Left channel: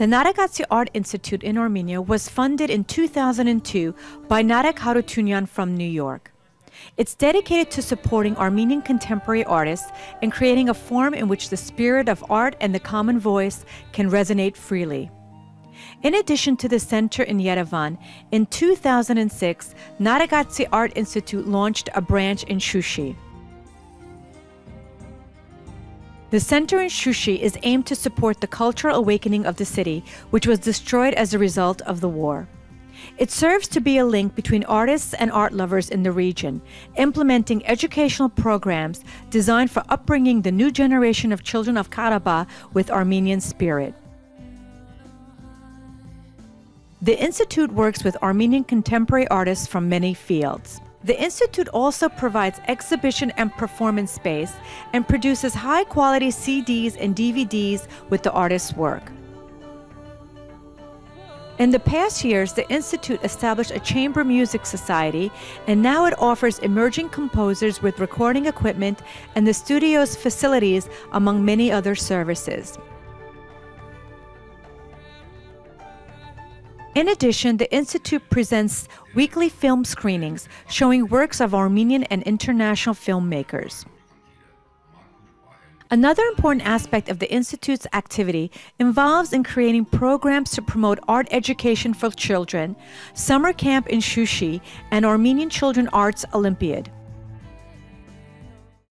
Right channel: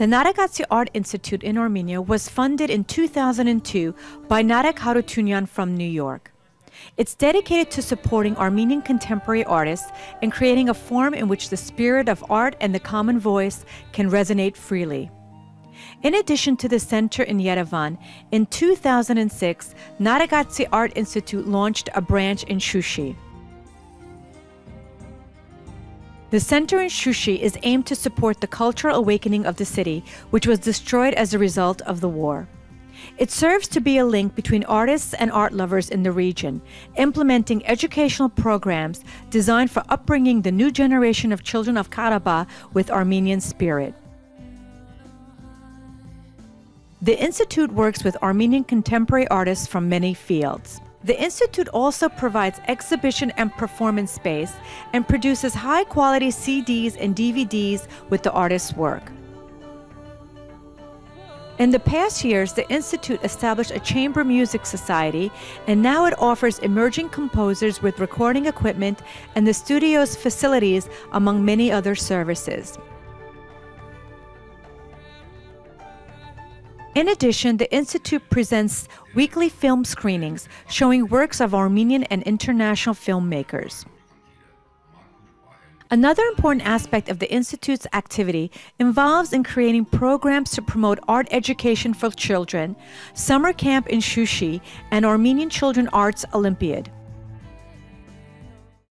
The Naregatsi Art Institute in Armenia was funded in 2002 by Nareg Haroutunian from New York. It's dedicated to supporting Armenian contemporary artists and creating a forum in which the spirit of art and the common voice can resonate freely. In addition to the center in Yerevan, in 2006, Naregatsi Art Institute launched a branch in Shushi. The center in Shushi is aimed to support the cultural awakening of the city, which was destroyed as a result of the war. It serves to be a link between artists and art lovers in the region, implementing educational programs designed for upbringing the new generation of children of Karabakh with Armenian spirit. The Institute works with Armenian contemporary artists from many fields. The Institute also provides exhibition and performance space and produces high-quality CDs and DVDs with the artist's work. In the past years, the Institute established a chamber music society, and now it offers emerging composers with recording equipment and the studio's facilities, among many other services. In addition, the Institute presents weekly film screenings showing works of Armenian and international filmmakers. Another important aspect of the Institute's activity involves in creating programs to promote art education for children, summer camp in Shushi, and Armenian Children Arts Olympiad.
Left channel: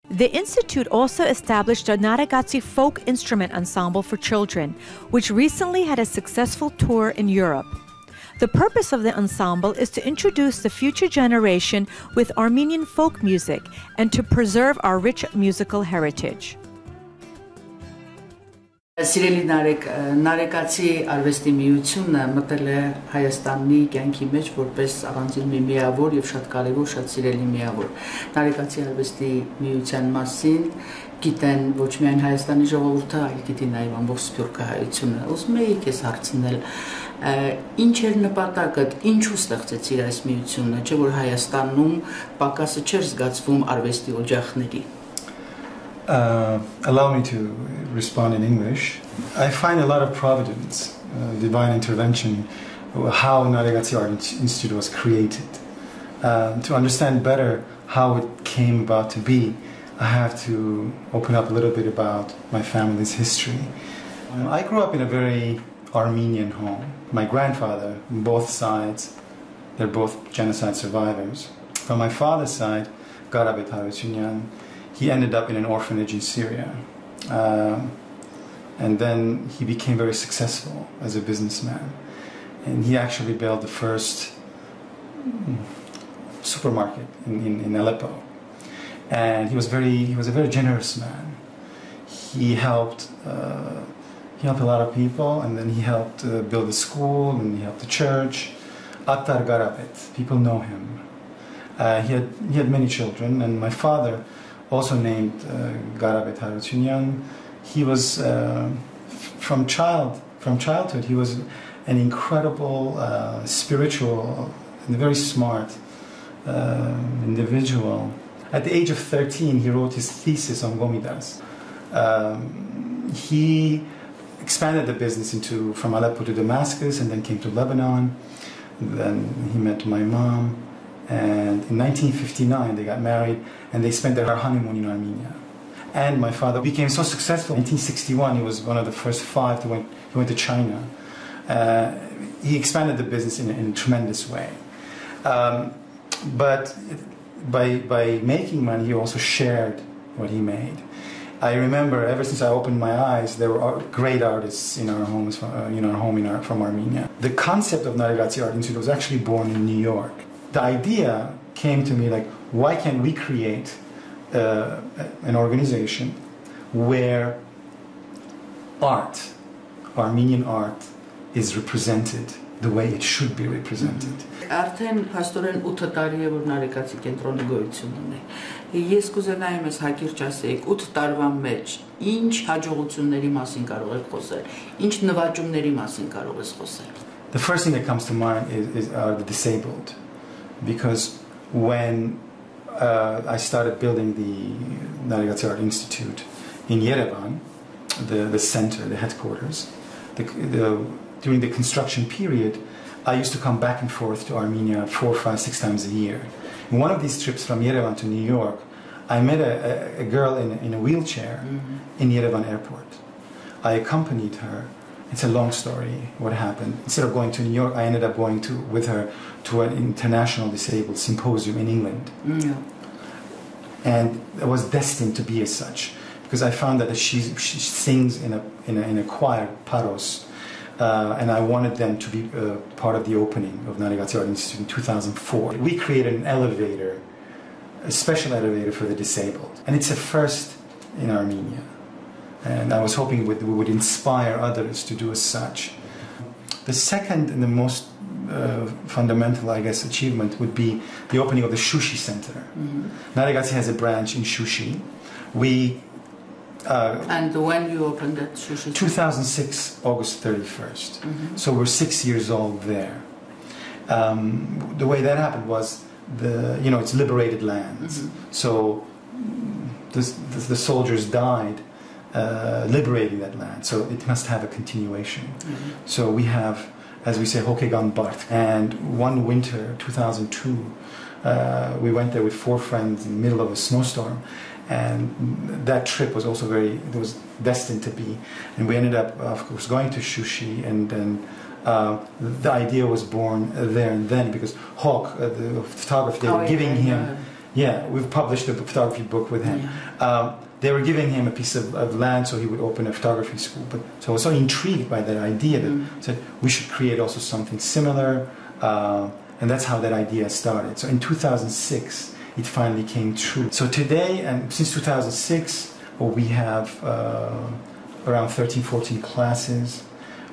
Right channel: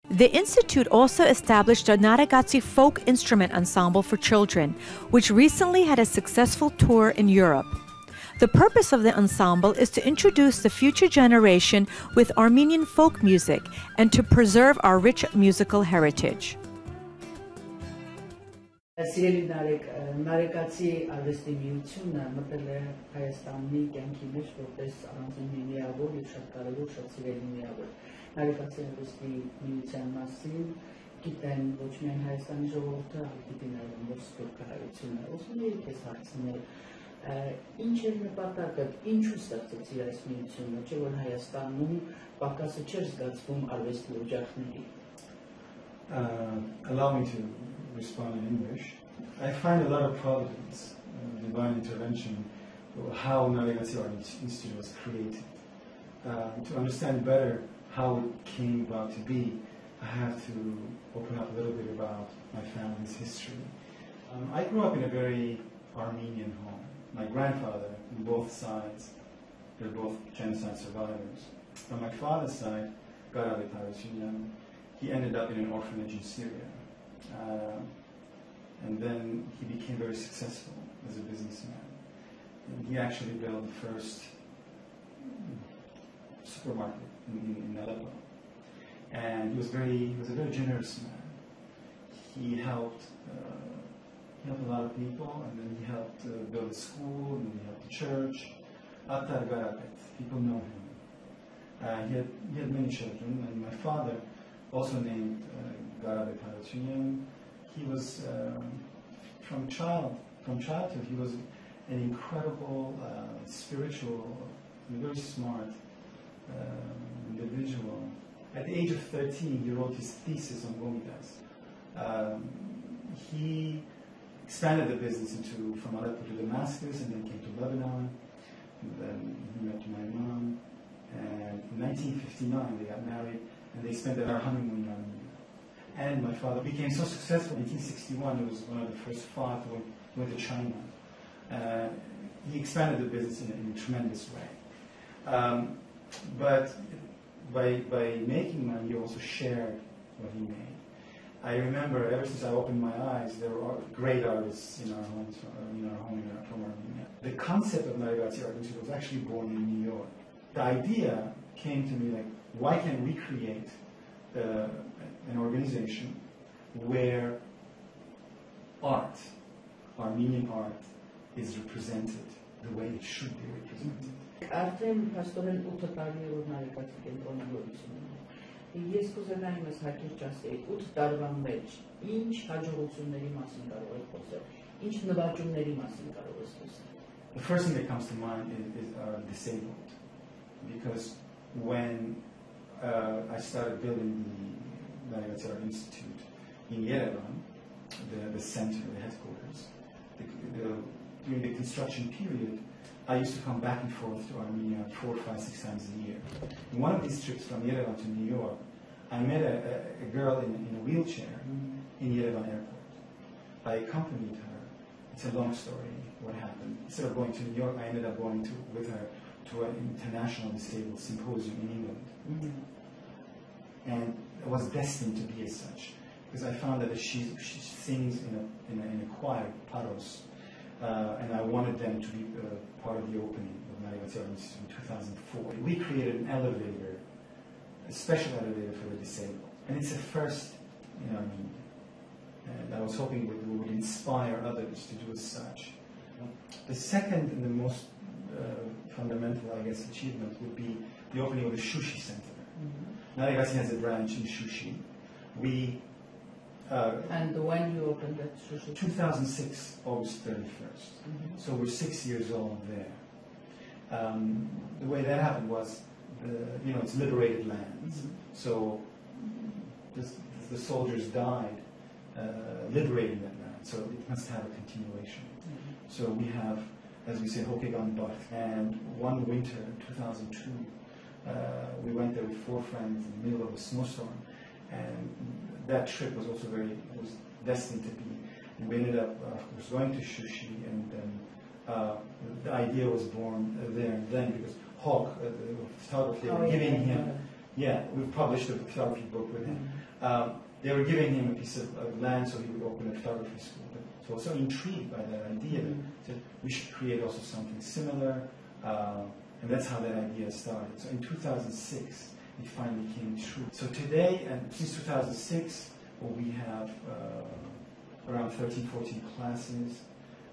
The Institute also established a Naregatsi folk instrument ensemble for children, which recently had a successful tour in Europe. The purpose of the ensemble is to introduce the future generation with Armenian folk music and to preserve our rich musical heritage. Սիրելի Naregatsi արվեստի միությունը մտել է Հայաստանի կյանքի մեջ որպես առանձին մի միավոր եւ շատ կարեւոր, շատ սիրելի միավոր։ Naregatsi արվեստի միության մասին գիտեն ոչ միայն Հայաստանի ժողովուրդը, այլ գիտի նաեւ ամբողջ սփյուռքը հայությունը։ Ուզում եի քեզ հարցնել, ինչ էր նպատակդ, ինչու ստեղծեցիր այս միությունը, չէ՞ որ Հայաստանում պակասը չէր զգացվում արվեստի օջախների։ Allow me to respond in English. I find a lot of providence, divine intervention, how Naregatsi Art Institute was created. To understand better how it came about to be, I have to open up a little bit about my family's history. I grew up in a very Armenian home. My grandfather, on both sides, they're both genocide survivors. From my father's side, Nareg Haroutunian, he ended up in an orphanage in Syria. And then he became very successful as a businessman. And he actually built the first supermarket in Aleppo. And he was a very generous man. He helped a lot of people, and then he helped build a school, and he helped the church. Attar Garabet, people know him. He had many children, and my father, also named Nareg Haroutunian, he was from childhood. He was an incredible spiritual and very smart individual. At the age of 13, he wrote his thesis on Gomidas. He expanded the business from Aleppo to Damascus, and then came to Lebanon. Then he met my mom, and in 1959 they got married, and they spent their honeymoon in Armenia. And my father became so successful. In 1961, he was one of the first 5 he went to China. He expanded the business in a tremendous way. But by making money, he also shared what he made. I remember, ever since I opened my eyes, there were great artists in our homes, from Armenia. The concept of Naregatsi Art Institute was actually born in New York. The idea came to me like, why can't we create an organization where art, Armenian art, is represented the way it should be represented. Արդեն փաստորեն 8 տարի է որ Naregatsi կենտրոնը գոյություն ունի։ Ես կուզենայեմ ես հակիրճ ասեիք 8 տարվա մեջ ինչ հաջողությունների մասին կարող եք խոսել, ինչ նվաճումների մասին կարող ես խոսել։ The first thing that comes to mind are the disabled, because when I started building the Naregatsi Art Institute in Yerevan, the center, the headquarters, during the construction period, I used to come back and forth to Armenia 4, 5, 6 times a year. In one of these trips from Yerevan to New York, I met a girl in a wheelchair in Yerevan airport. I accompanied her. It's a long story, what happened. Instead of going to New York, I ended up going with her to an international disabled symposium in England. And it was destined to be as such, because I found that she sings in a choir, Paros, and I wanted them to be part of the opening of Naregatsi Art Institute in 2004. We created an elevator, a special elevator for the disabled, and it's a first in Armenia. And I was hoping we would inspire others to do as such. The second and the most fundamental, I guess, achievement would be the opening of the Shushi Center. Naregatsi has a branch in Shushi. And when you opened that Shushi? 2006, August 31st. So we're 6 years old there. The way that happened was, it's liberated lands. So the soldiers died liberating that land. So it must have a continuation. So we have, as we say, Hokegan Bart. And one winter, 2002, we went there with 4 friends in the middle of a snowstorm. And that trip was also it was destined to be. And we ended up, of course, going to Shushi, and then the idea was born there and then, because Hawk, the photographer, they were giving him, we've published a photography book with him. They were giving him a piece of land so he would open a photography school. So I was so intrigued by that idea that I said, we should create also something similar. And that's how that idea started. So in 2006, it finally came true. So today, and since 2006, we have around 13, 14 classes.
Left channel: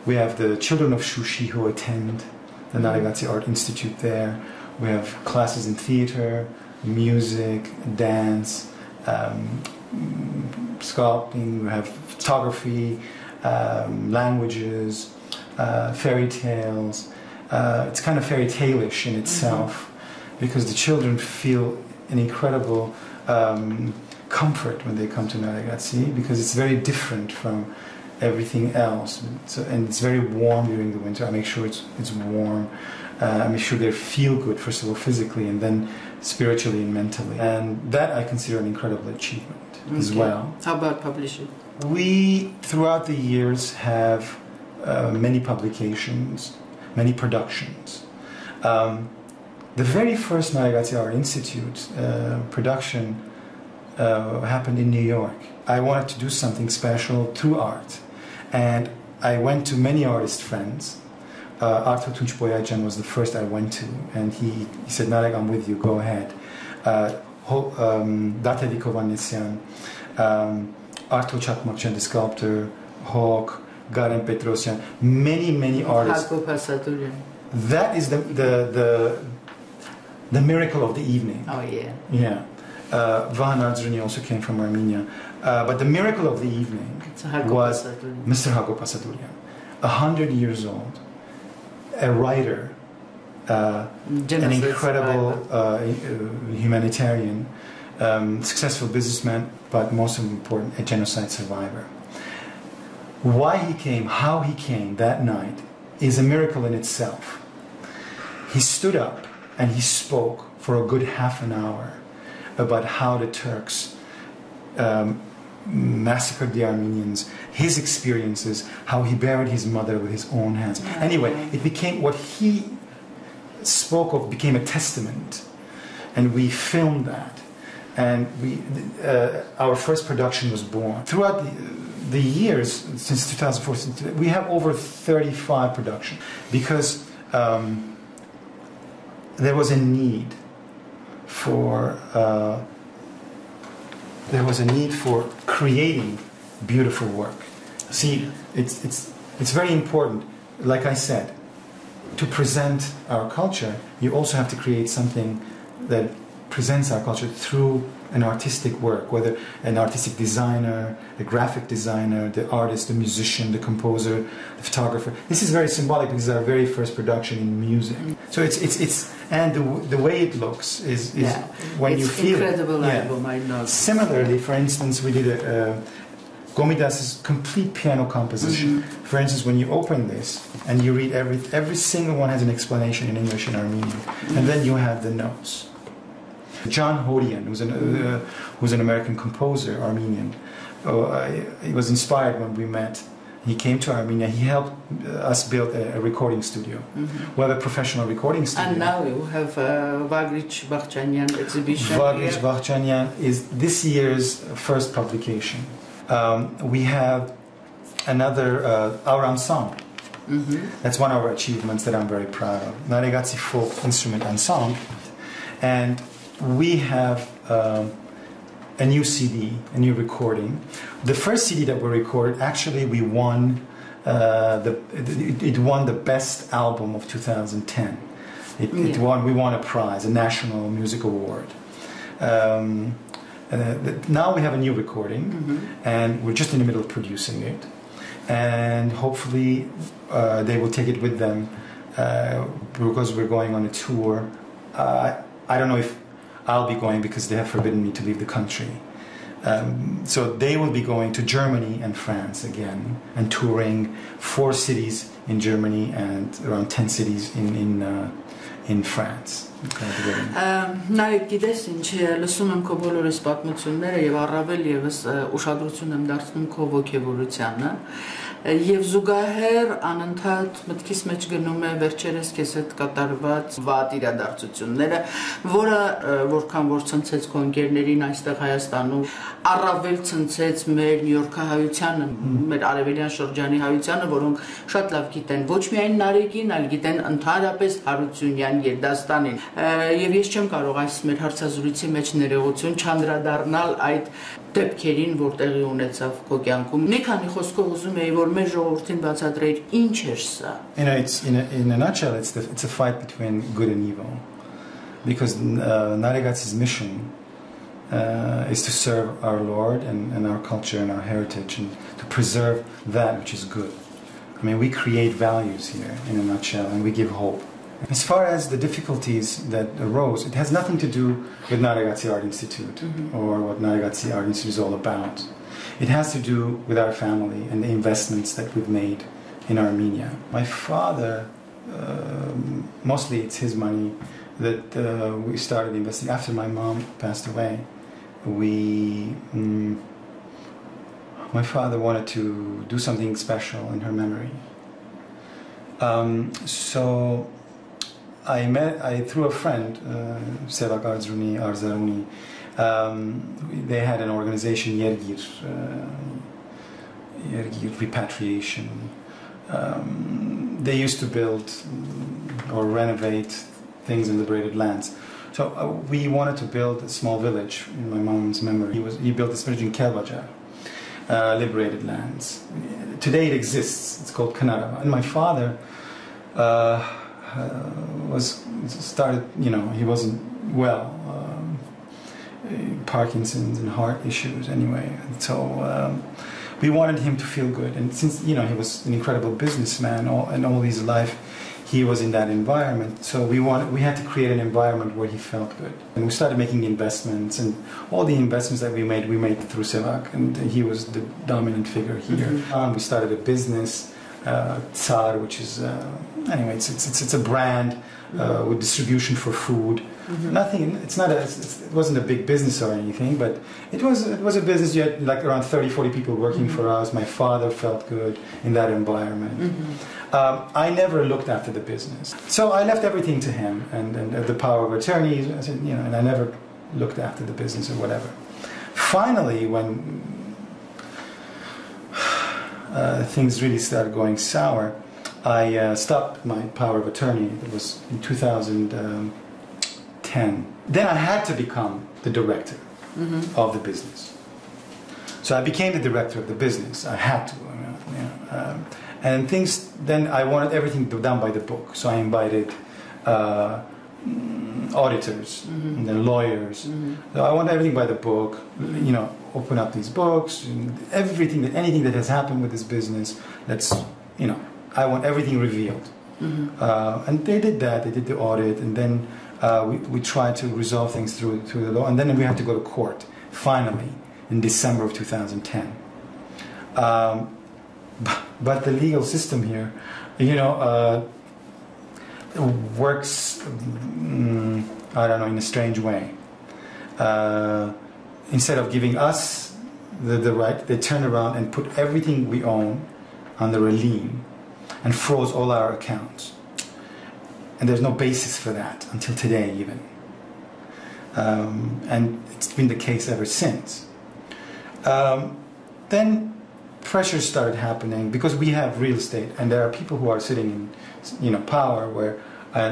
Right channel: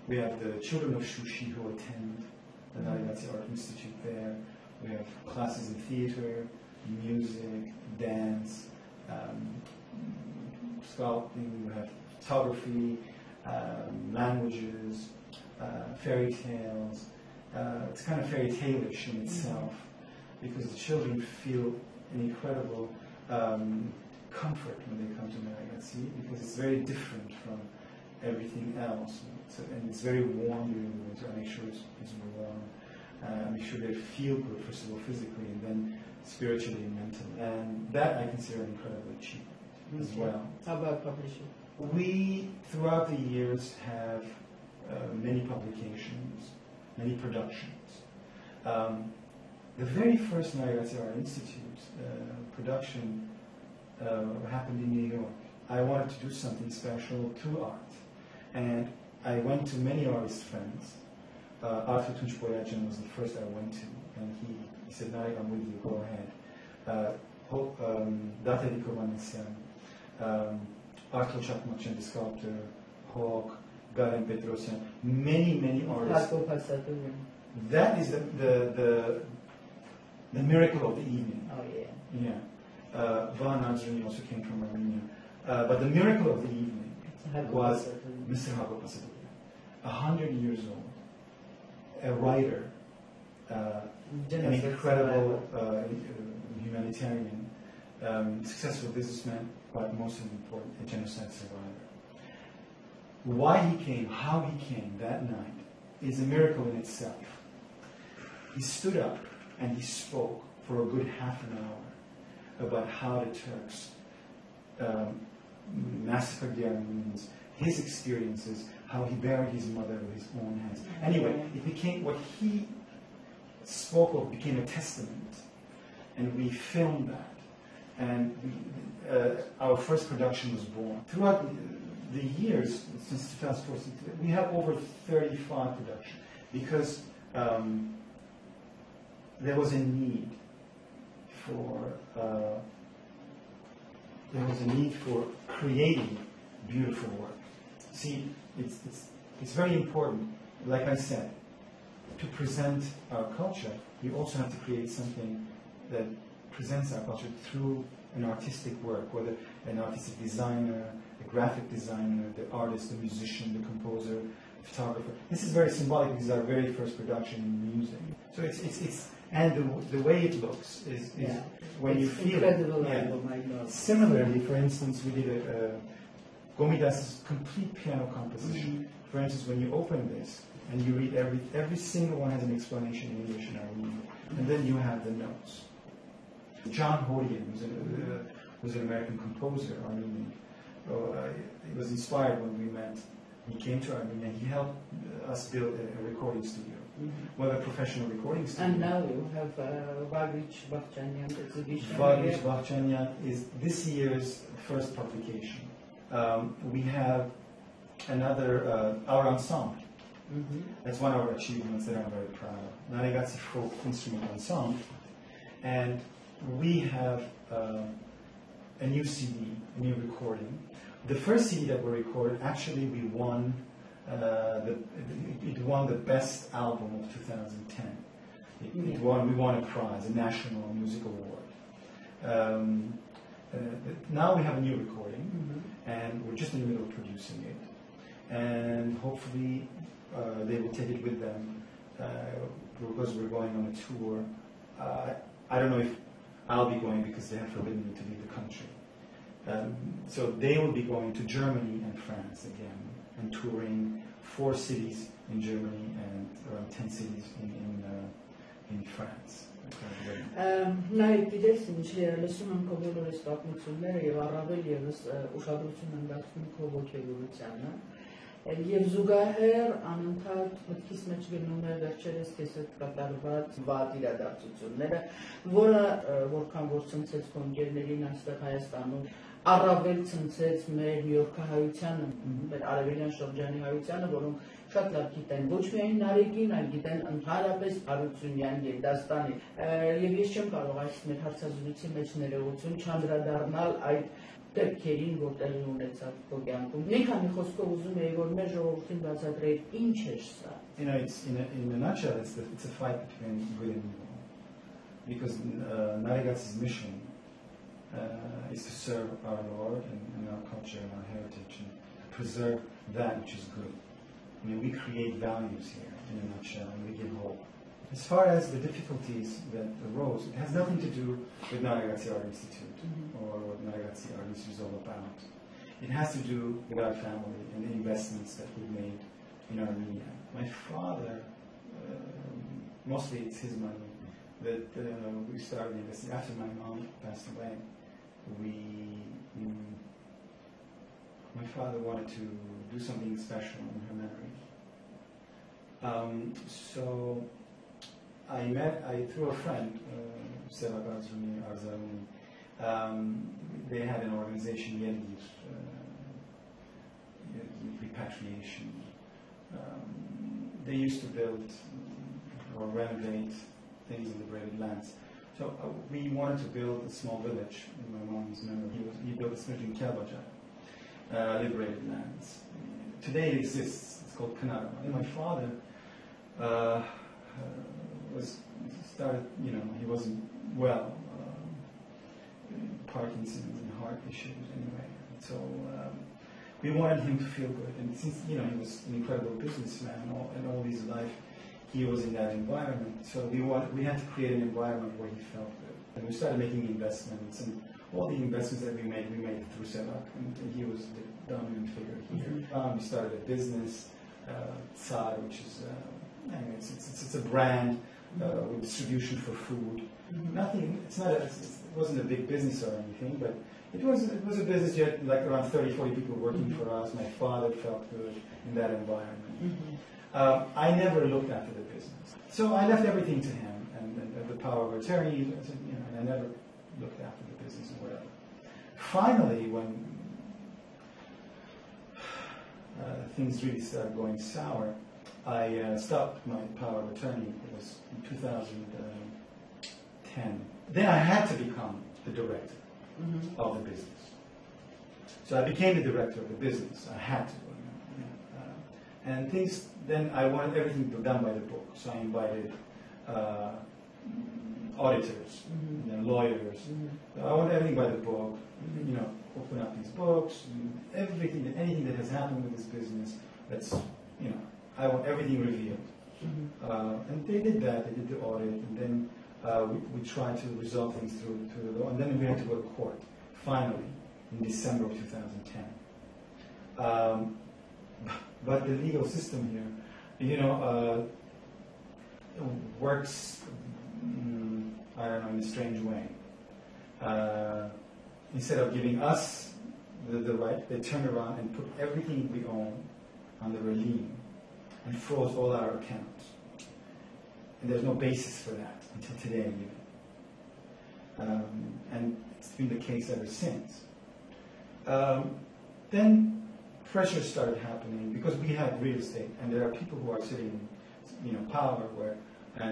We have the children of Shushi who attend the Naregatsi Art Institute there. We have classes in theater, music, dance, sculpting. We have photography, languages, fairy tales. It's kind of fairy tale-ish in itself, because the children feel an incredible comfort when they come to Naregatsi, because it's very different from everything else. And it's very warm during the winter. I make sure it's warm. I make sure they feel good, first of all, physically, and then spiritually and mentally. And that I consider an incredible achievement as well. How about publishing? We, throughout the years, have many publications, many productions. The very first Naregatsi Art Institute production happened in New York. I wanted to do something special through art. And I went to many artist friends. Haroutunian was the first I went to. And he said, Nareg, I'm with you, go ahead. Lernik Hovhannisyan, Artsakh, the sculptor, Hawk, Karine Kocharyan, many artists. That is the miracle of the evening. Oh, yeah. Yeah. Vahan also came from Armenia. But the miracle of the evening was Mr. Hagopasadurian, 100 years old, a writer, an incredible humanitarian, successful businessman, but most important, a genocide survivor. Why he came, how he came that night is a miracle in itself. He stood up and he spoke for a good half an hour about how the Turks massacred the Armenians, his experiences, how he buried his mother with his own hands. Anyway, it became, what he spoke of became a testament, and we filmed that, and our first production was born. Throughout the years, since 2004, we have over 35 productions, because there was a need for creating beautiful work. See, it's very important, like I said, to present our culture. You also have to create something that presents our culture through an artistic work, whether an artistic designer, a graphic designer, the artist, the musician, the composer, the photographer. This is very symbolic because it's our very first production in music. So it's and the way it looks is when you feel incredible it. album, I know. Similarly, for instance, we did Gomidas's complete piano composition. For instance, when you open this and you read every single one has an explanation in English and Armenian, and then you have the notes. John Hodian, who's an American composer, Armenian, he was inspired when we met. He came to Armenia. He helped us build a recording studio. We have a professional recording studio. And now you have Vagrich Bakhchanian exhibition. Vagrich Bakhchanian is this year's first publication. We have another, our ensemble. That's one of our achievements that I'm very proud of. Naregatsi Folk Instrument Ensemble. And we have a new CD, a new recording. The first CD that we recorded, actually we won, it won the best album of 2010. We won a prize, a National Music Award. Now we have a new recording, and we're just in the middle of producing it. And hopefully they will take it with them because we're going on a tour. I don't know if I'll be going because they have forbidden me to leave the country. So they will be going to Germany and France again and touring 4 cities in Germany and around 10 cities in France. Նայեք, գիտես ինչ, լսում եմ քո բոլորս պատմությունները եւ առավել եւս ուշադրություն եմ դարձնում քո ոգևորությանը եւ զուգահեռ անընդհատ մտքիս մեջ գնում է վերջերս քեզ հետ կատարված վատ իրադարձությունները, որը որքան որ ցնցեց քո ընկերներին այստեղ Հայաստանում, առավել ցնցեց մեր նյույորքահայությանը, մեր արևելյան շրջանի հայությանը, որոնք շատ լավ գիտեն ոչ միայն Նարեգին, այլ գիտեն ընդհանրապես Հարությունյան երդաստանին։ Եվ ես չեմ կարող այս մեր հարցազրույցի մեջ ներողություն չանդրադառնալ այդ դեպքերին, որ տեղի ունեցավ քո կյանքում։ Մի քանի խոսքով ուզում եի, որ մեր ժողովրդին բացատրեիր ինչ էր սա։ In a nutshell, it's a fight between good and evil, because Naregatsi's mission is to serve our Lord and our culture and our heritage, and to preserve that which is good. I mean, we create values here in a nutshell, and we give hope. As far as the difficulties that arose, it has nothing to do with Naregatsi Art Institute or what Naregatsi Art Institute is all about. It has to do with our family and the investments that we've made in Armenia. My father, mostly it's his money that we started investing. After my mom passed away, my father wanted to do something special in her memory. So through a friend, Sevak Arzaruni, they had an organization, Yergir Repatriation. They used to build or renovate things in liberated lands. So we wanted to build a small village in my mom's memory. He built this village in Kelbajar, liberated lands. Today it exists. It's called Kanarava. And my father he wasn't well, Parkinson's and heart issues anyway. So we wanted him to feel good. And since, he was an incredible businessman and all his life, he was in that environment. So we had to create an environment where he felt good. And we started making investments, and all the investments that we made through Sevak, and he was the dominant figure here. We started a business, Tsar, which is, anyway, it's a brand with distribution for food. Nothing. It wasn't a big business or anything, but it was a business. You had like around 30-40 people working for us. My father felt good in that environment. I never looked after the business, so I left everything to him and the power of attorney. I said, and I never looked after the business or whatever. Finally, when things really started going sour, I stopped my power of attorney. It was in 2010. Then I had to become the director of the business. So I became the director of the business. I had to. And then I wanted everything done by the book. So I invited auditors and then lawyers. So I want everything by the book, open up these books, and anything that has happened with this business, I want everything revealed. And they did that. They did the audit, and then we tried to resolve things through the law, and then we had to go to court finally in December of 2010. But the legal system here, works, I don't know, in a strange way. Instead of giving us the right, they turn around and put everything we own under a lien and froze all our accounts. And there's no basis for that until today even. And it's been the case ever since. Then pressure started happening because we have real estate and there are people who are sitting in power where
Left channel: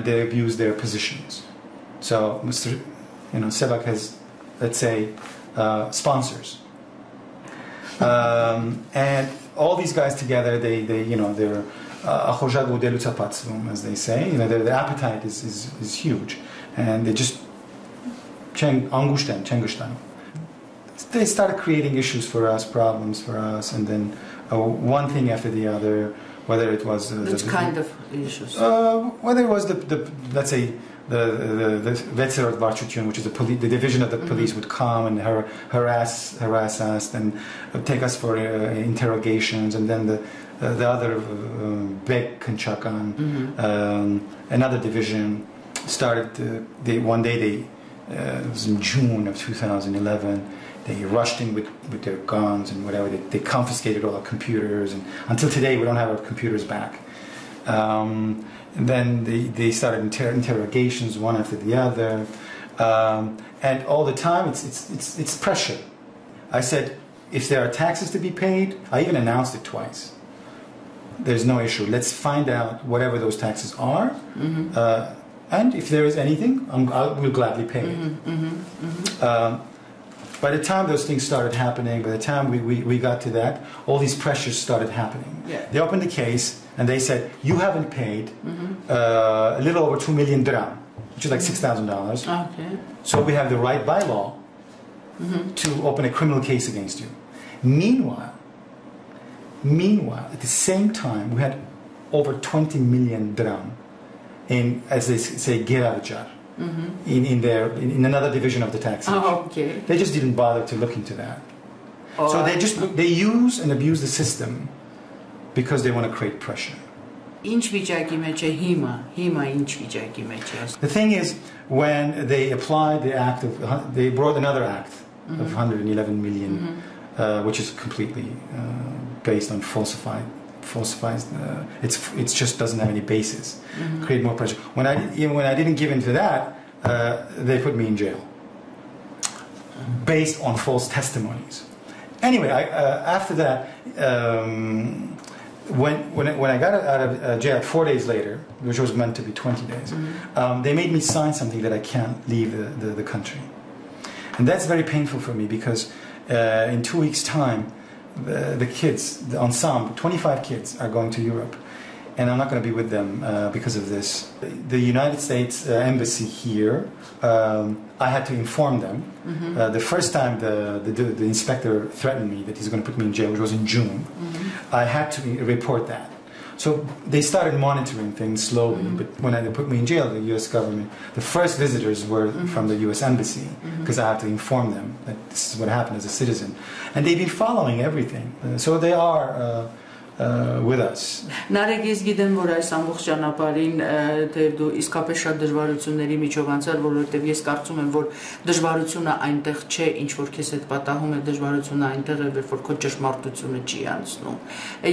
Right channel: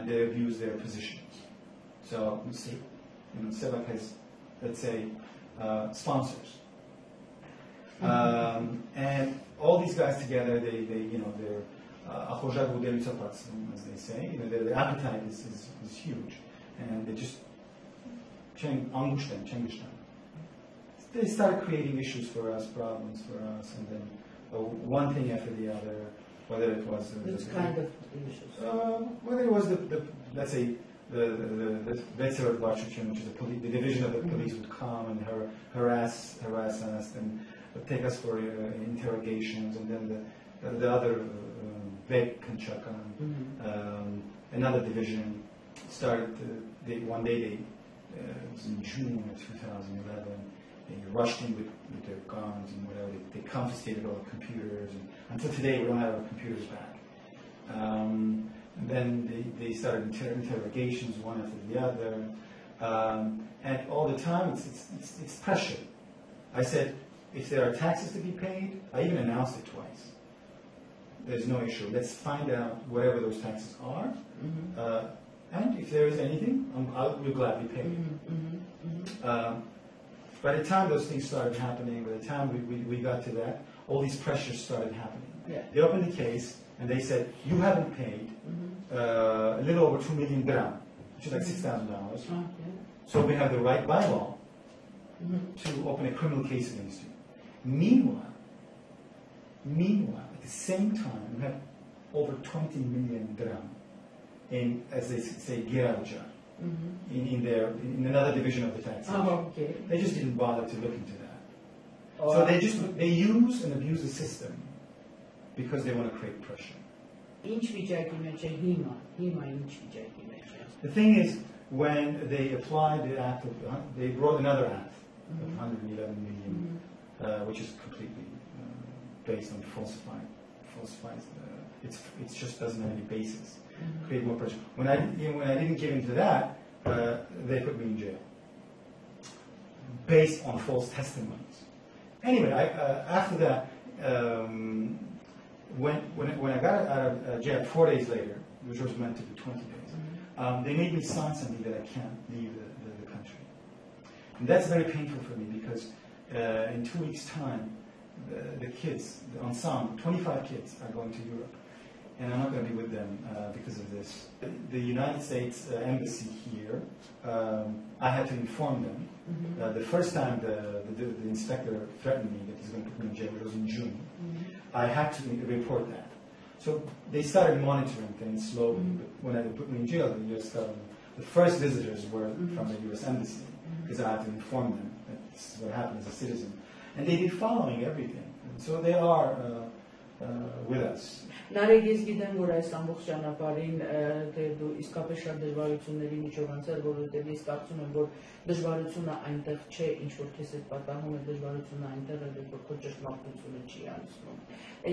they abuse their positions. So Mr. Sevak has, let's say, sponsors. And all these guys together, they're as they say, their appetite is huge, and they just they started creating issues for us, problems for us, and then one thing after the other, whether it was which kind of issues? Whether it was let's say the Artsakh, which is the division of the police, would come and harass us and take us for interrogations, and then the other Bek Kanchakan, another division, started. One day it was in June of 2011. They rushed in with their guns and whatever. They confiscated all our computers, and until today we don't have our computers back. And then they started interrogations one after the other, and all the time it's pressure. I said, if there are taxes to be paid, I even announced it twice. There's no issue. Let's find out whatever those taxes are, and if there is anything, we'll gladly pay it. By the time those things started happening, by the time we got to that, all these pressures started happening. Yeah. They opened the case and they said, you haven't paid a little over 2 million dirham, which is like $6,000. Okay. So we have the right by law to open a criminal case against you. Meanwhile, at the same time, we had over 20 million dirham in, as they say, Giravjar. In another division of the taxation. Oh, okay. They just didn't bother to look into that. Oh, so they use and abuse the system because they want to create pressure. The thing is, when they applied the act they brought another act of 111 million, which is completely based on falsifies. It just doesn't have any basis. Create more pressure. When I didn't give in to that, they put me in jail based on false testimonies. Anyway, after that, when I got out of jail 4 days later, which was meant to be 20 days, they made me sign something that I can't leave the country, and that's very painful for me because in 2 weeks' time, the kids, the ensemble, 25 kids are going to Europe, and I'm not going to be with them because of this. The United States Embassy here, I had to inform them. The first time the inspector threatened me that he's going to put me in jail, which was in June, I had to report that. So they started monitoring things slowly, but when they put me in jail, the U.S. government, the first visitors were from the U.S. Embassy, because I had to inform them that this is what happened as a citizen. And they've been following everything. So they are with us. Nareg, ես գիտեմ, որ այս ամբողջ ճանապարհին դեր դու իսկապես շատ դժվարությունների միջով անցար, որովհետև ես կարծում եմ, որ դժվարությունը այնտեղ չէ, ինչ որ քեզ հետ պատահում է, դժվարությունը այնտեղ է, որ քո ճշմարտությունը չի անցնում։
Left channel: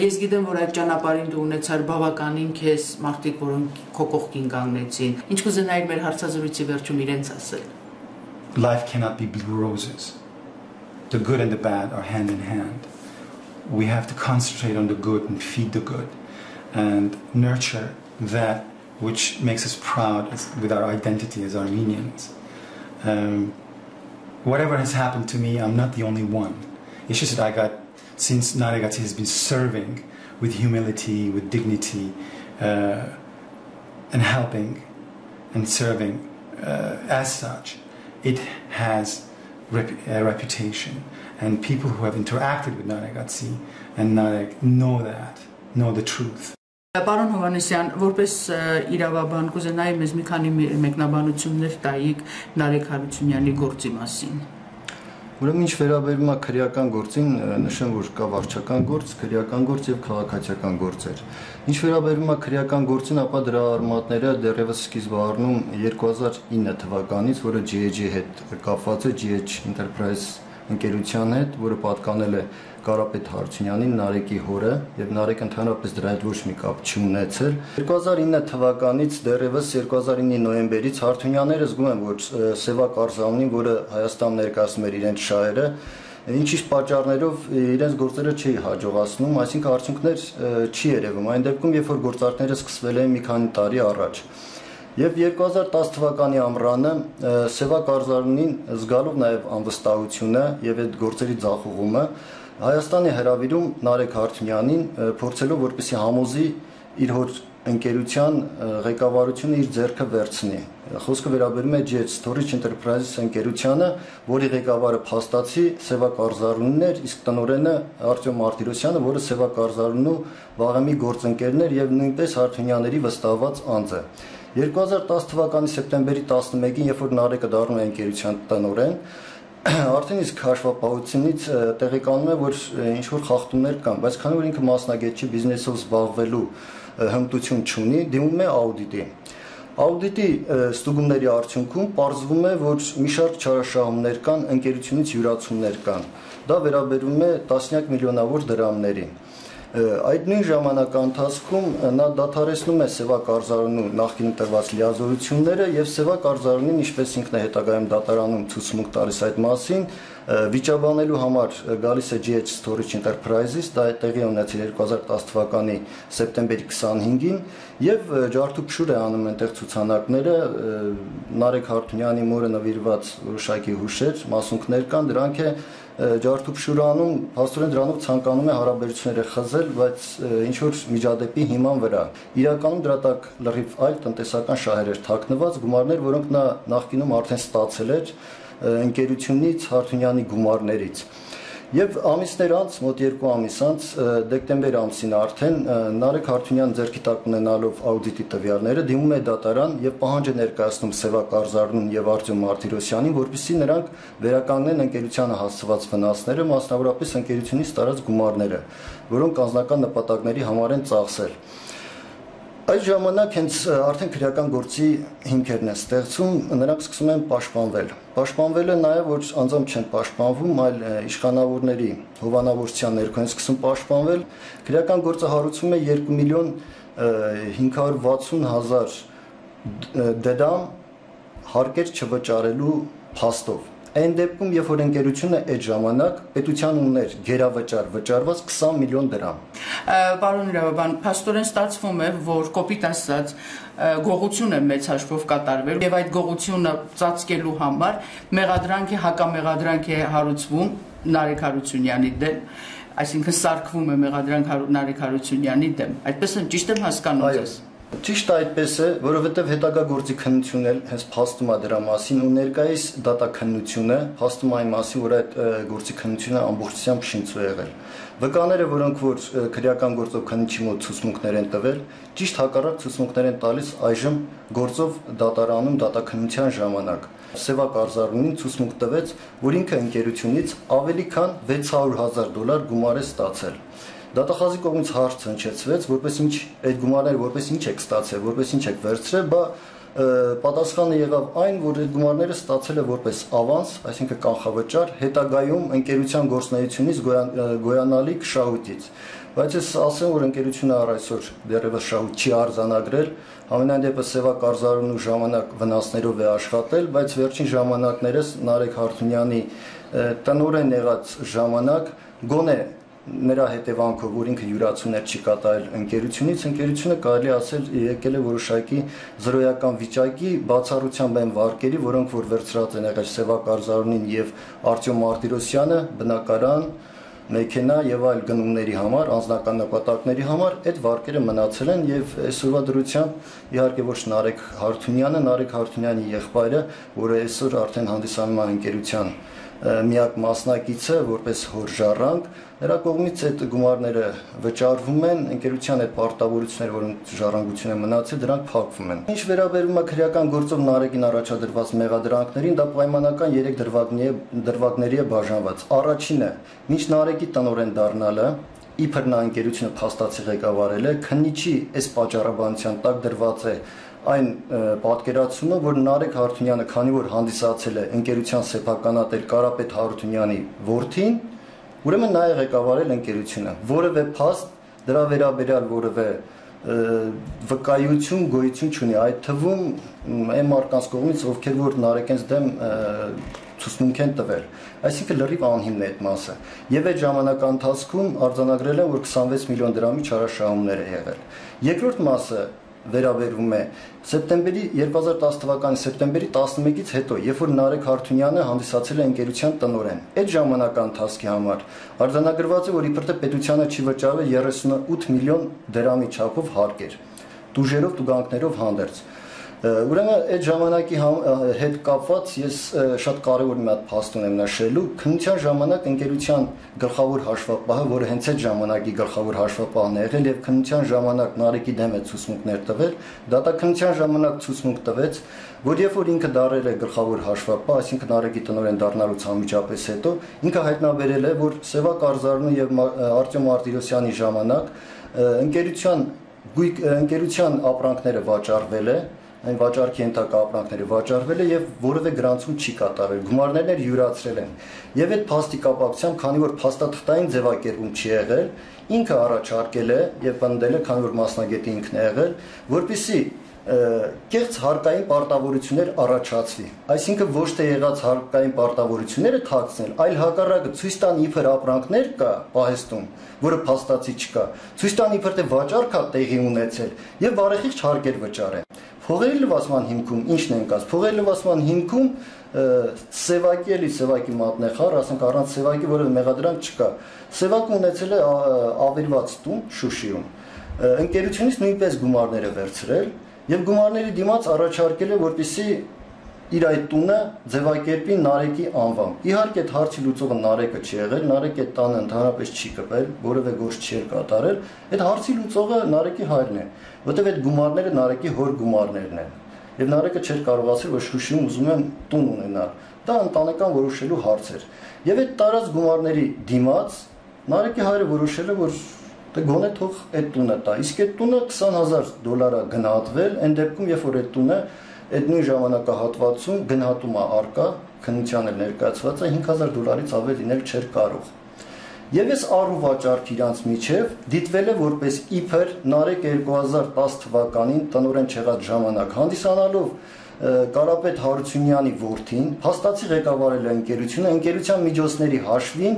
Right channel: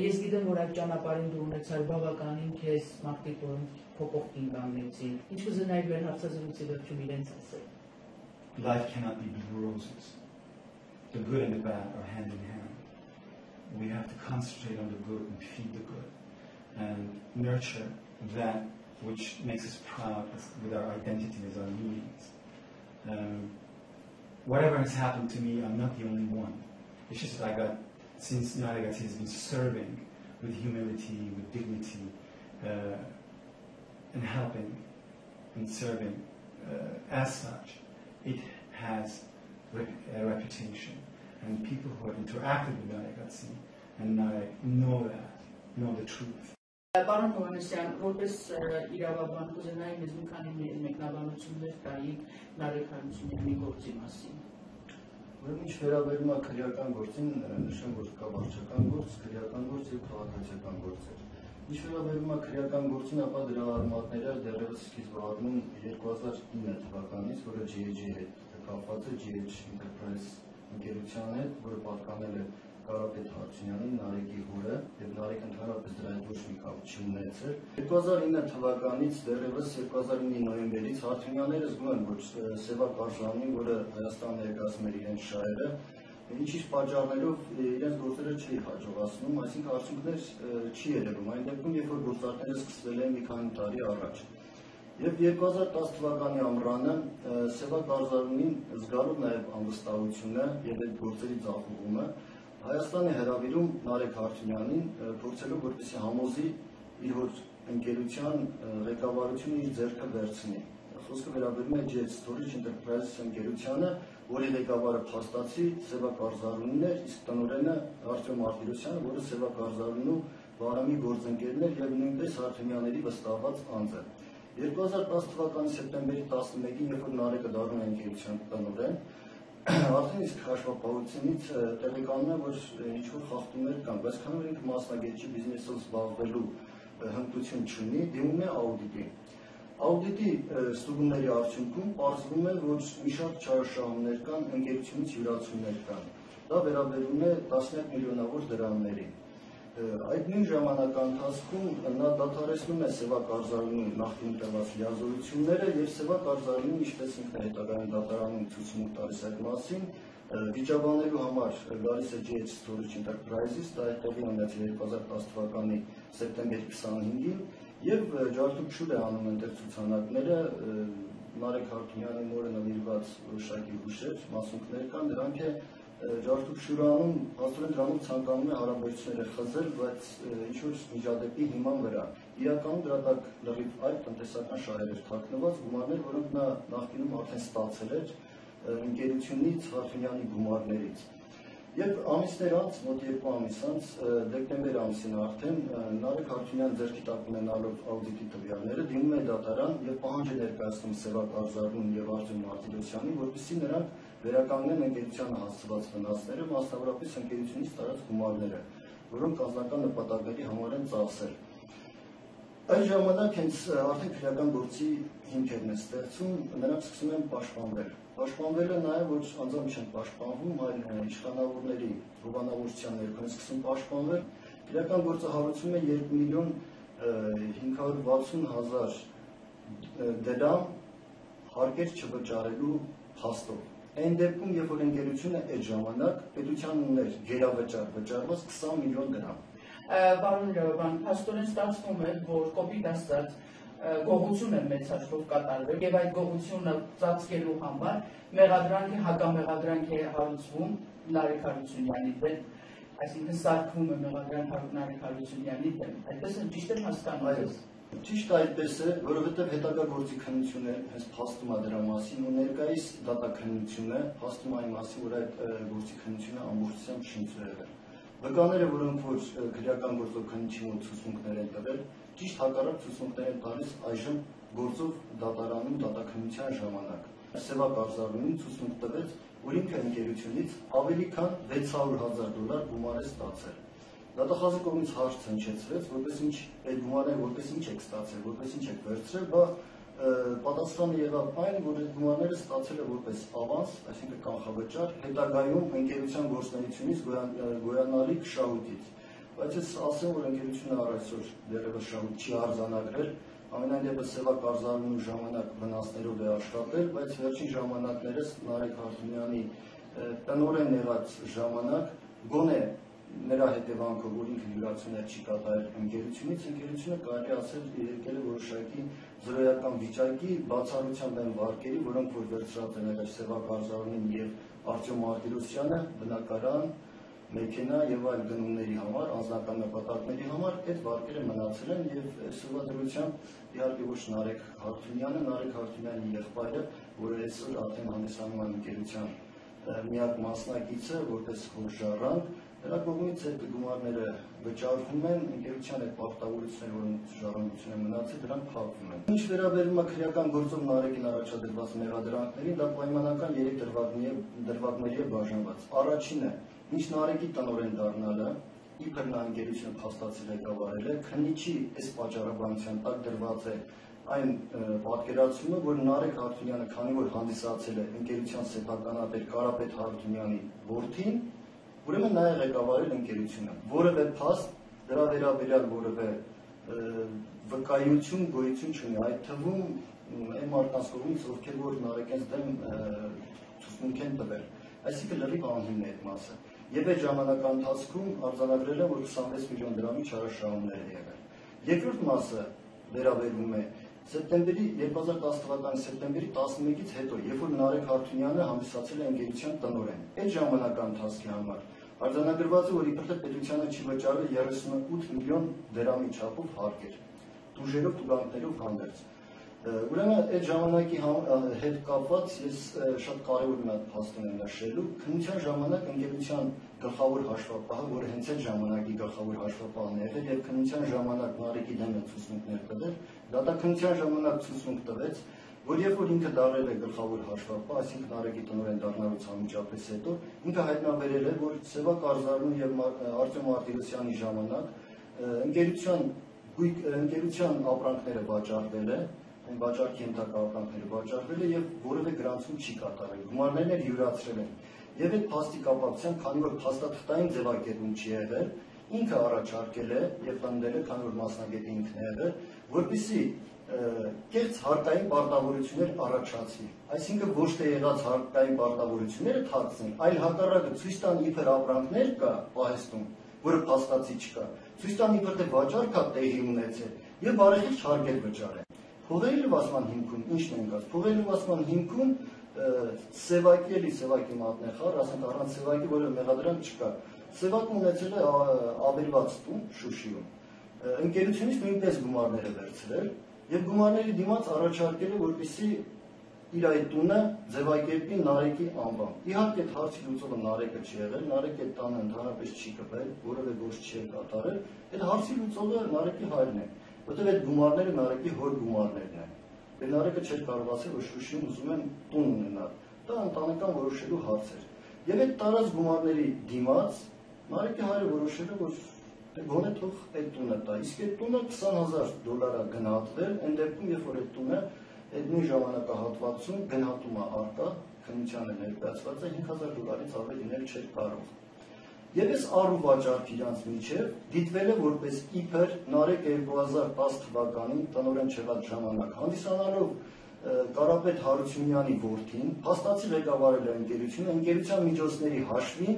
Ես գիտեմ, որ այդ ճանապարհին դու ունեցար բավականին քեզ մարդիկ, որոնք քո կողքին կանգնեցին։ Ինչ կուզենայիր մեր հարցազրույցի վերջում իրենց ասել։ Life cannot be blue roses. The good and the bad are hand in hand. We have to concentrate on the good and feed the good and nurture that which makes us proud with our identity as Armenians. Whatever has happened to me, I'm not the only one. It's just that since Naregatsi has been serving with humility, with dignity, and helping and serving as such, it has a reputation. And people who have interacted with Naregatsi and Nareg know the truth. Պարոն Հովհաննիսյան, որպես իրավաբան կուզենայի մեզ մի քանի մեկնաբանություններ տայիք Nareg Haroutuniani գործի մասին։ Ուրեմն ինչ վերաբերում է քրեական գործին, նշեմ, որ կա վարչական գործ, քրեական գործ եւ քաղաքացիական գործեր։ Ինչ վերաբերում է քրեական գործին, ապա դրա արմատները դեռևս սկիզբ առնում 2009 թվականից, որը GH հետ կապված է, GH Enterprise ընկերության հետ, որը պատկանել է Կարապետ Հարությունյանին, Նարեկի հորը, եւ Նարեկը ընդհանրապես դրա հետ ոչ մի կապ չունեցել։ 2009 թվականից դեռևս 2009-ի նոյեմբերից Հարությունյանները զգում են, որ Սևակ Արզանունին, որը Հայաստան ներկայացնում էր իրենց շահերը, ինչ-ինչ պատճառներով իրենց գործերը չի հաջողացնում, այսինքն արդյունքներ չի երևում։ Այն դեպքում, երբ որ գործարքները սկսվել են մի քանի տարի առաջ։ Եվ 2010 թվականի ամռանը Սևակ Արզանունին զգալով նաև անվստահությունը եւ այդ գործերի ձախողումը Հայաստանի հրավիրում Nareg Hartounianին փորձելով որպեսզի համոզի իր հոր ընկերության ղեկավարությունը իր ձեռքը վերցնի։ Խոսքը վերաբերում է GH Storage Enterprises ընկերությանը, որի ղեկավարը փաստացի Սևակ Արզանունին էր, իսկ տնօրենը Արտյոմ Մարտիրոսյանը, որը Սևակ Արզանունու վաղեմի գործընկերն էր եւ նույնպես Հարությունյանների վստահված անձ է։ 2010 թվականի սեպտեմբերի 11-ին, երբ որ Նարեկը դառնում է ընկերության տնօրեն, արդեն իսկ հաշվապահությունից տեղեկանում է, որ ինչ-որ խախտումներ կան, բայց քանի որ ինքը մասնագետ չի, բիզնեսով զբաղվելու հմտություն չունի, դիմում է աուդիտի։ Աուդիտի ստուգումների արդյունքում պարզվում է, որ մի շարք չարաշահումներ կան, ընկերությունից յուրացումներ կան։ Դա վերաբերում է տասնյակ միլիոնավոր դրամների։ Այդ նույն ժամանակահատվածում նա դադարեցնում է Սևակ Արզանունու նախկին տրված լիազորությունները եւ Սևակ Արզանունին, ինչպես ինքն է հետագայում դատարանում ցուցմունք տալիս այդ մասին, վիճաբանելու համար գալիս է GH Storage Enterprises, դա տեղի ունեցել 2010 թվականի սեպտեմբերի 25-ին եւ ջարդուփշուր է անում այնտեղ ցուցանակները Nareg Hartouniani մորը նվիրված որոշակի հուշեր, մասունքներ կան, դրանք է ջարդուփշուրանում, փաստորեն դրանով ցանկանում է հարաբերությունները խզել, բայց ինչ որ միջադեպի հիման վրա։ Իրականում դրա տակ լրիվ այլ տնտեսական շահեր էր թաքնված, գումարներ, որոնք նա նախկինում արդեն ստացել էր ընկերությունից, Հարությունյանի գումարներից։ Եվ ամիսներ անց, մոտ 2 ամիս անց, դեկտեմբեր ամսին արդեն Nareg Hartounian ձեռքի տակ ունենալով աուդիտի տվյալները դիմում է դատարան եւ պահանջ է ներկայացնում Սևակ Արզանունին եւ Արտյոմ Մարտիրոսյանին, որպեսզի նրանք վերականգնեն ընկերությանը հասցված վնասները, մասնավորապես ընկերությունից տարած գումարները, որոնք անձնական նպատակների համար են ծախսել։ Այդ ժամանակ հենց արդեն քրեական գործի հիմքերն են ստեղծում, նրանք սկսում են պաշտպանվել։ Պաշտպանվելը նաև որ անձամբ չեն պաշտպանվում, այլ իշխանավորների հովանավորության ներքո են սկսում պաշտպանվել։ Քրեական գործը հարուցվում է 2 միլիոն 560,000 դրամ հարկեր չվճարելու փաստով։ Այն դեպքում, երբ որ ընկերությունը այդ ժամանակ պետության ուներ գերավճար վճարված 20 միլիոն դրամ։ Պարոն Իրավաբան, փաստորեն ստացվում է, որ կոպիտ ասած գողություն է մեծ հաշվով կատարվել եւ այդ գողությունը ծածկելու համար մեղադրանք է, հակամեղադրանք է հարուցվում Nareg Haroutuniani դեմ, այսինքն սարքվում է մեղադրանք Nareg Haroutuniani դեմ։ Այդպես եմ ճիշտ եմ հասկանում ես։ Ճիշտ այդպես է, որովհետև հետագա գործի քննությունն էլ հենց փաստում է դրա մասին ու ներկայիս դատաքննությունը փաստում այն մասին, որ այդ գործի քննությունը ամբողջությամբ շինծ է եղել։ Վկաները, որոնք որ քրեական գործով քննիչի մոտ ցուցմունքներ են տվել, ճիշտ հակառակ ցուցմունքներ են տալիս այժմ գործով դատարանում դատաքննության ժամանակ։ Սևակ Արզանունին ցուցմունք տվեց, որ ինքը ընկերությունից ավելի քան $600,000 գումար է ստացել։ Դատախազի կողմից հարց հնչեցվեց, որպես ինչ այդ գումարները որպես ինչ եք ստացել, որպես ինչ եք վերցրել, բա պատասխանը եղավ այն, որ այդ գումարները ստացել է որպես ավանս, այսինքն կանխավճար, հետագայում ընկերության գործունեությունից գոյանալիք շահույթից։ Բայց ես ասեմ, որ ընկերությունը առ այսօր դեռևս շահույթ չի արձանագրել, ամենայն դեպս Սևակ Արզանունու ժամանակ վնասներով է աշխատել, բայց վերջին ժամանակներս Nareg Hartouniani տնօրեն եղած ժամանակ գոնե նրա հետևանքով, որ ինքը յուրացումներ չի կատարել ընկերությունից, ընկերությունը կարելի ասել եկել է որոշակի զրոյական վիճակի, բացառությամբ այն վարկերի, որոնք որ վերցրած են եղել Սևակ Արզանունին եւ Արտյոմ Մարտիրոսյանը, բնակարան, մեքենա եւ այլ գնումների համար, անձնական նպատակների համար, այդ վարկերը մնացել են եւ այսօրվա դրությամբ իհարկե ոչ Nareg Hartounian-ը, Nareg Haroutunian-ի եղբայրը, որը այսօր արդեն հանդիսանում է ընկերության միակ մասնակիցը որպես հոր ժառանգ, նրա կողմից այդ գումարները վճարվում են, ընկերության այդ պարտավորությունները, որոնք ժառանգություն են մնացել, դրանք փակվում են։ Ինչ վերաբերում է քրեական գործով Նարեգին առաջադրված մեղադրանքներին, դա պայմանական 3 դրվագների է բաժանված։ Առաջինը, մինչ Նարեգի տնօրեն դառնալը, իբր նա ընկերությունը փաստացի ղեկավարել է, քննիչի այս պատճառաբանության տակ դրված է այն պատկերացումը, որ Nareg Hartounyan-ը, քանի որ հանդիսացել է ընկերության սեփականատեր Կարապետ Հարությունյանի որդին, ուրեմն նա է ղեկավարել ընկերությունը։ Որևէ փաստ դրա վերաբերյալ որևէ վկայություն, գոյություն չունի, այդ թվում այն մարդկանց կողմից, ովքեր որ Նարեգենց դեմ ցուցմունք են տվել, այսինքն լրիվ անհիմն է այդ մասը։ Եվ այդ ժամանակ ընթացքում արձանագրել են, որ 26 միլիոն դրամի չարաշահումներ է եղել։ Երկրորդ մասը վերաբերում է սեպտեմբերի 2010 թվականի սեպտեմբերի 11-ից հետո, երբ որ Nareg Hartounian-ը հանդիսացել է ընկերության տնօրեն։ Այդ ժամանակա ընթացքի համար արձանագրված է, որ իբրև պետությանը չի վճարվել 38 միլիոն դրամի չափով հարկեր, տուժերով, տուգանքներով հանդերձ։ Ուրեմն այդ ժամանակի հետ կապված ես շատ կարևոր մի հատ փաստ ունեմ նշելու, քննության ժամանակ ընկերության գլխավոր հաշվապահը, որը հենց այդ ժամանակի գլխավոր հաշվապահն է եղել եւ քննության ժամանակ Նարեգի դեմ է ցուցմունքներ տվել, դատաքննության ժամանակ ցուցմունք տվեց, որ երբ որ ինքը դարել է գլխավոր հաշվապահ, այսինքն Նարեգի տնօրեն դառնալուց անմիջապես հետո, ինքը հայտնաբերել է, որ Սևակ Արզարունի եւ Արտյոմ Մարտիրոսյանի ժամանակ ընկերության ապրանքները վաճառվել է, այն վաճառքի ենթակա ապրանքները վաճառվել է եւ որևէ գրանցում չի կատարվել, գումարներն յուրացրել են։ Եվ այդ փաստի կապակցությամբ, քանի որ փաստաթղթային ձևակերպում չի եղել, ինքը առաջարկել է եւ պնդել է, քանի որ մասնագետի ինքն է եղել, որպեսզի կեղծ հարկային պարտավորություններ առաջացվի։ Այսինքն ոչ թե եղած հարկային պարտավորությունները թաքցնել, այլ հակառակը ցույց տան իբր ապրանքներ կա պահեստում, որը փաստացի չկա, ցույց տան իբր թե վաճառք է տեղի ունեցել եւ բարեխիղճ հարկեր վճարեն։ Փողերի լվացման հիմքում ի՞նչն են կաց։ Փողերի լվացման հիմքում Սևակի մատնեխառ, ասենք առանց Սևակի որևէ մեղադրանք չկա։ Սևակը ունեցել է ավերված տուն Շուշիում։ Ընկերությունից նույնպես գումարներ է վերցրել եւ գումարների դիմաց առաջարկել է, որպեսզի իր այդ տունը ձևակերպի Նարեգի անվամբ։ Իհարկե այդ հարցի լուծողը Նարեգը չի եղել, Նարեգը այդ տանը ընդհանրապես չի կպել, որևէ գործ չի կատարել։ Այդ հարցի լուծողը Նարեգի հայրն է, որտեղ այդ գումարները Նարեգի հոր գումարներն են։ Եվ Նարեգը չէր կարող ասել, որ Շուշիում ուզում եմ տուն ունենալ։ Դա ընտանեկան որոշելու հարց էր։ Եվ այդ տարած գումարների դիմաց Նարեգի հայրը որոշել է, որ դե գոնե թող այդ տունը տա։ Իսկ այդ տունը $20,000 է գնահատվել, այն դեպքում, երբ որ այդ տունը այդ նույն ժամանակահատվածում գնահատում է արկա, քննության էլ ներկայացված է $5,000-ից ավել լինել չէր կարող։ Եվ այս առու վաճառք իրանց միջև դիտվել է որպես իբր Նարեգ 2010 թվականին տնօրեն չեղած ժամանակ հանդիսանալով Կարապետ Հարությունյանի որդին, փաստացի ղեկավարել է ընկերությունը, ընկերության միջոցների հաշվին,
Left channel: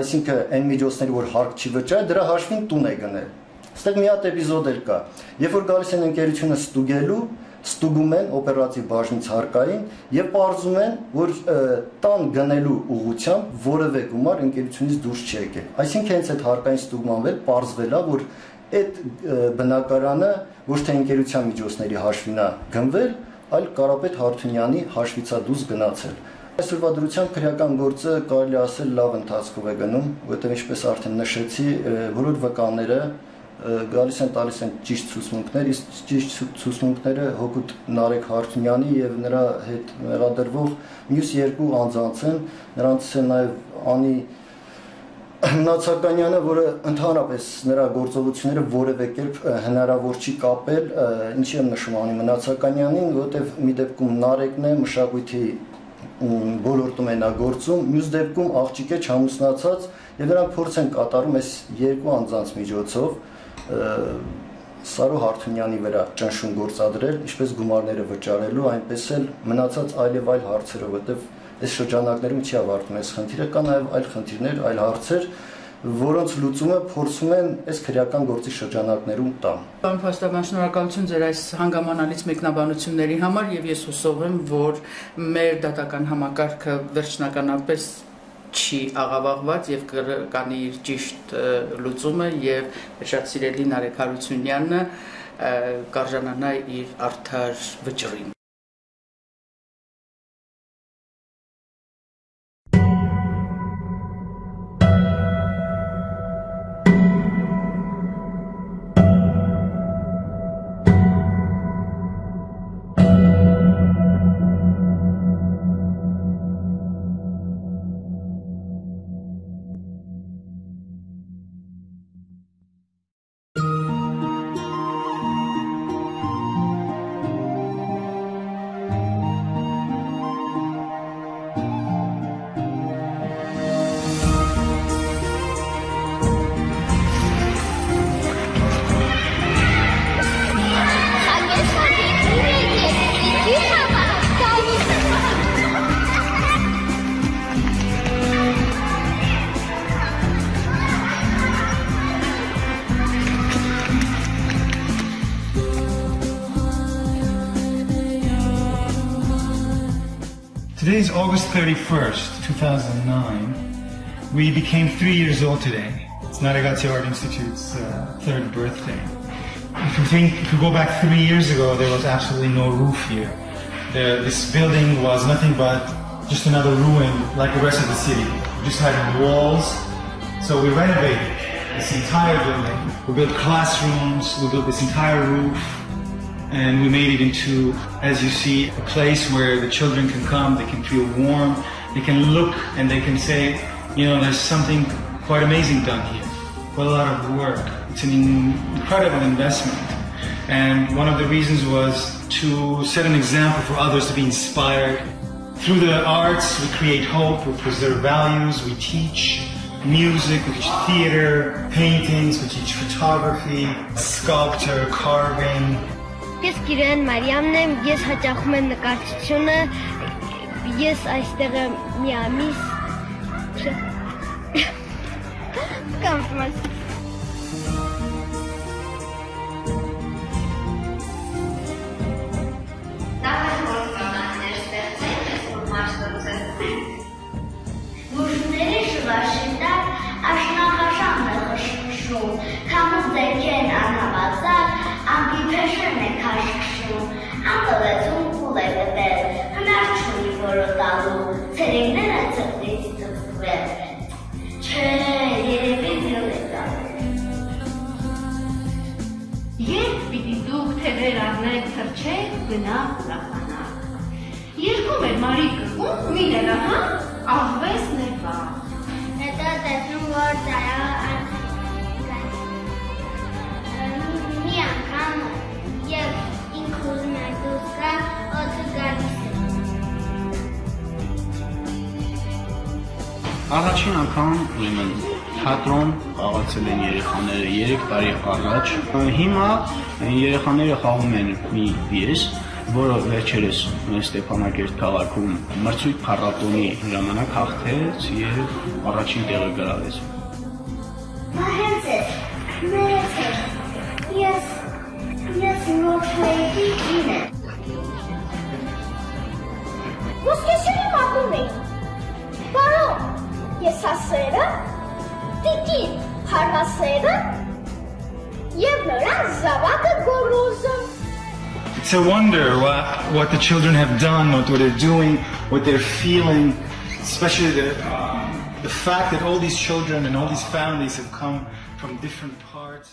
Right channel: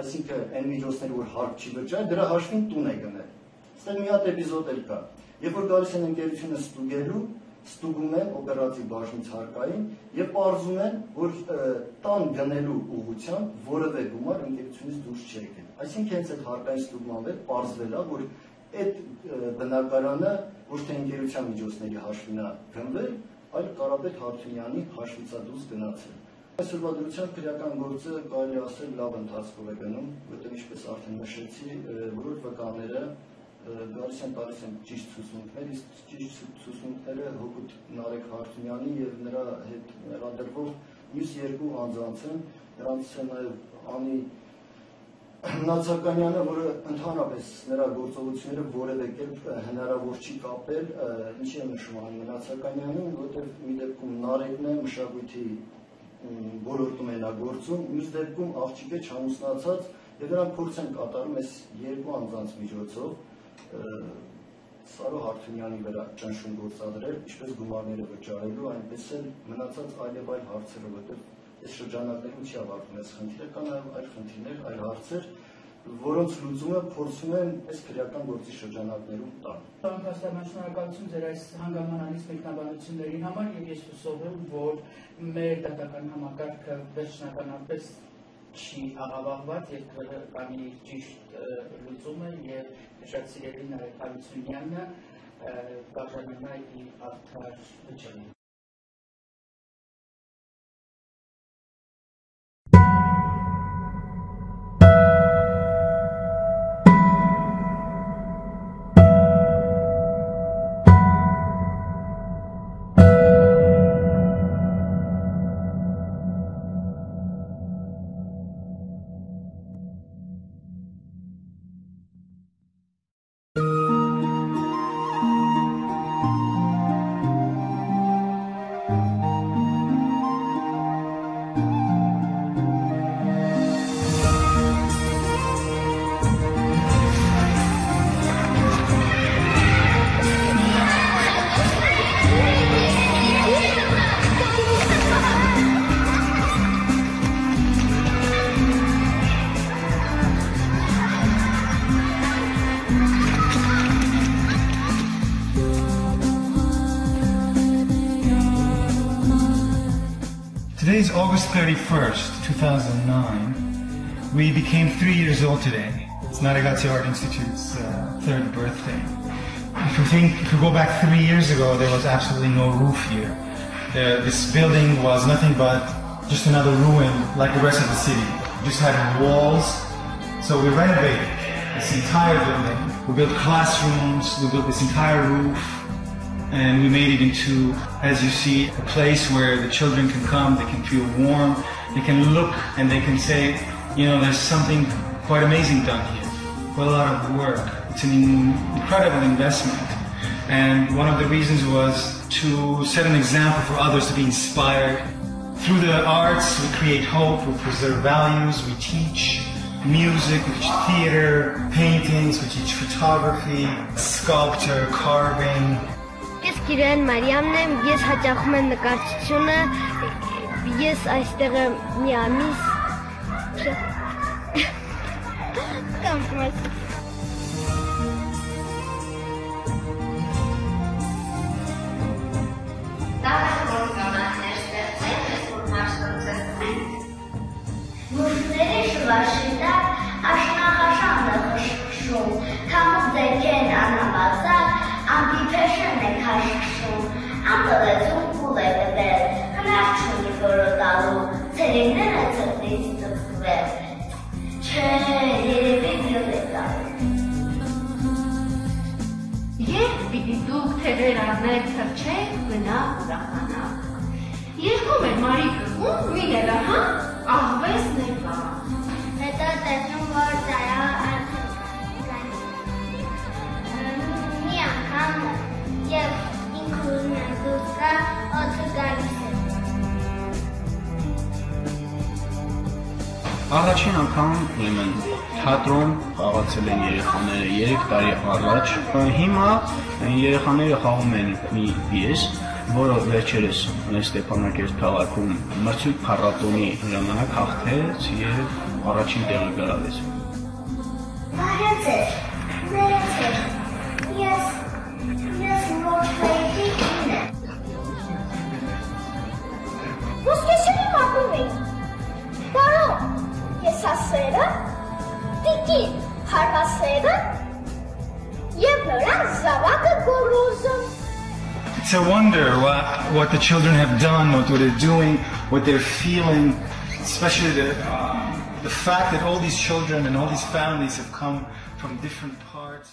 այսինքն այն միջոցները, որ հարկ չի վճարել, դրա հաշվին տուն է գնել։ Այստեղ մի հատ էպիզոդ էլ կա։ Երբ որ գալիս են ընկերությունը ստուգելու, ստուգում են օպերատիվ բաժնից հարկային եւ պարզում են, որ տան գնելու ուղղությամբ որևէ գումար ընկերությունից դուրս չի եկել։ Այսինքն հենց այդ հարկային ստուգման վել պարզվել է, որ այդ բնակարանը ոչ թե ընկերության միջոցների հաշվին է գնվել, այլ Կարապետ Հարությունյանի հաշվից է դուրս գնացել։ Այսօրվա դրությամբ քրեական գործը կարելի ասել լավ ընթացքով է գնում, որտեղ ինչպես արդեն նշեցի, բոլոր վկաները գալիս են տալիս են ճիշտ ցուցմունքներ, իսկ ճիշտ ցուցմունքները հօգուտ Nareg Hartounyan-ի եւ նրա հետ մեղադրվող մյուս երկու անձանց են, նրանցից է նաեւ Անի Նացականյանը, որը ընդհանրապես նրա գործողությունները որևէ կերպ հնարավոր չի կապել, ինչի եմ նշում Անի Նացականյանին, որովհետեւ մի դեպքում Նարեգն է մշակույթի բոլորտում է նա գործում, մյուս դեպքում աղջիկ է չամուսնացած եւ նրանք փորձ են կատարում այս երկու անձանց միջոցով Սարո Հարթունյանի վրա ճնշում գործադրել, ինչպես գումարները վճարելու, այնպես էլ մնացած այլև այլ հարցերով, որտեղ այս շրջանակներում չի ավարտվում այս խնդիրը, կան նաև այլ խնդիրներ, այլ հարցեր, որոնց լուծումը փորձում են այս քրեական գործի շրջանակներում տալ։ Պարոն Փաստաբան, շնորհակալություն ձեր այս հանգամանալից մեկնաբանությունների համար եւ ես հուսով եմ, որ մեր դատական համակարգը վերջնականապես չի աղավաղված եւ կանի իր ճիշտ լուծումը եւ շատ սիրելի Nareg Haroutunian-ը կարժանանա իր արդար վճռին։ Today is August 31st, 2009. We became 3 years old today. It's Naregatsi Art Institute's third birthday. If you go back 3 years ago, there was absolutely no roof here. This building was nothing but just another ruin like the rest of the city. We just had walls. So we renovated this entire building. We built classrooms, we built this entire roof, and we made it into, as you see, a place where the children can come, they can feel warm, they can look and they can say, you know, there's something quite amazing done here. Quite a lot of work. It's an incredible investment. And one of the reasons was to set an example for others to be inspired. Through the arts, we create hope, we preserve values, we teach music, we teach theater, paintings, we teach photography, sculpture, carving. Ես Կարին Մարիամն եմ, ես հաճախում եմ նկարչությունը, ես այստեղ մի ամիս կամպրոս։ Եվ պիտի դուք թևեր առնել թրջեք գնալ ուրախանալ։ Երկում է Մարիկը ու մի երախան աղվես ներվա։ Հետո տեսնում, որ ծարավը մի անգամ և ինքուրն է դուք կա օծու գալիս է։ Առաջին անգամ թատրոն խաղացել են երեխաները 3 տարի առաջ։ Հիմա երեխաները խաղում են մի պիես, որը վերջերս Ստեփանակերտ քաղաքում մրցույթ փառատոնի ժամանակ հաղթեց եւ առաջին տեղը գրավեց։ Ես ասերը, պիտի հարվասերը և նորան զավակը գորոզը։ It's a wonder what the children have done, what they're doing, what they're feeling, especially the fact that all these children and all these families have come from different parts.